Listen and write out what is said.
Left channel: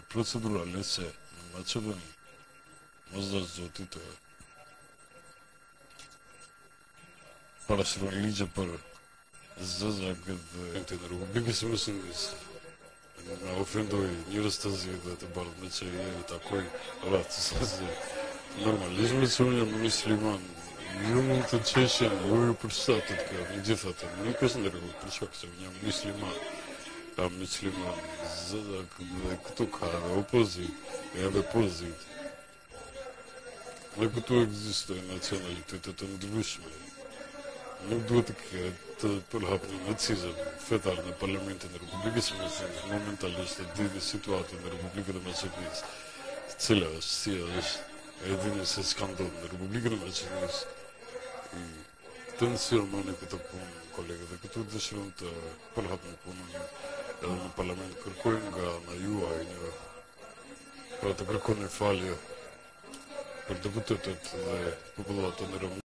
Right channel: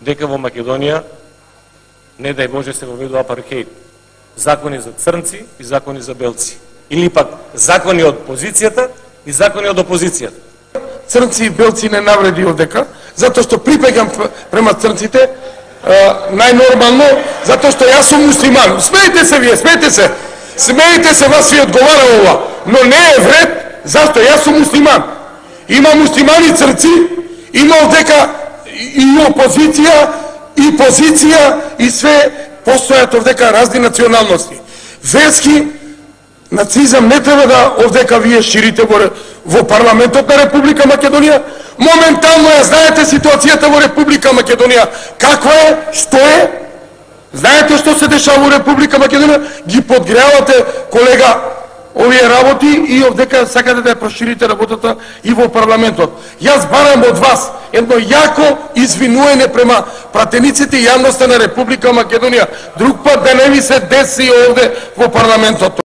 дека во Македонија не дај Боже се воведува апартеид. Закони за црнци и закони за белци. Или пак закони од позицијата и закони од опозицијата. Црнци и белци не навреди овдека, затоа што припегам према црнците, најнормално, затоа што јас сум муслиман. Смеете се вие, смеете се. Смеете се, вас ви одговара ова. Но не е вред, зашто јас сум муслиман. Има муслимани црнци, има овдека и опозиција, и позиција, и све постојат овдека разни националности. Верски нацизам не треба да овдека вие ширите во парламентот на Република Македонија. Моментално ја знаете ситуацијата во Република Македонија. Каква е, што е? Знаете што се дешава во Република Македонија? Ги подгревате, колега, овие работи и овдека сакате да ја проширите работата и во парламентот. Јас барам од вас едно јако извинување према пратениците и јавноста на Република Македонија. Друг пат да не ви се деси овде во парламентот.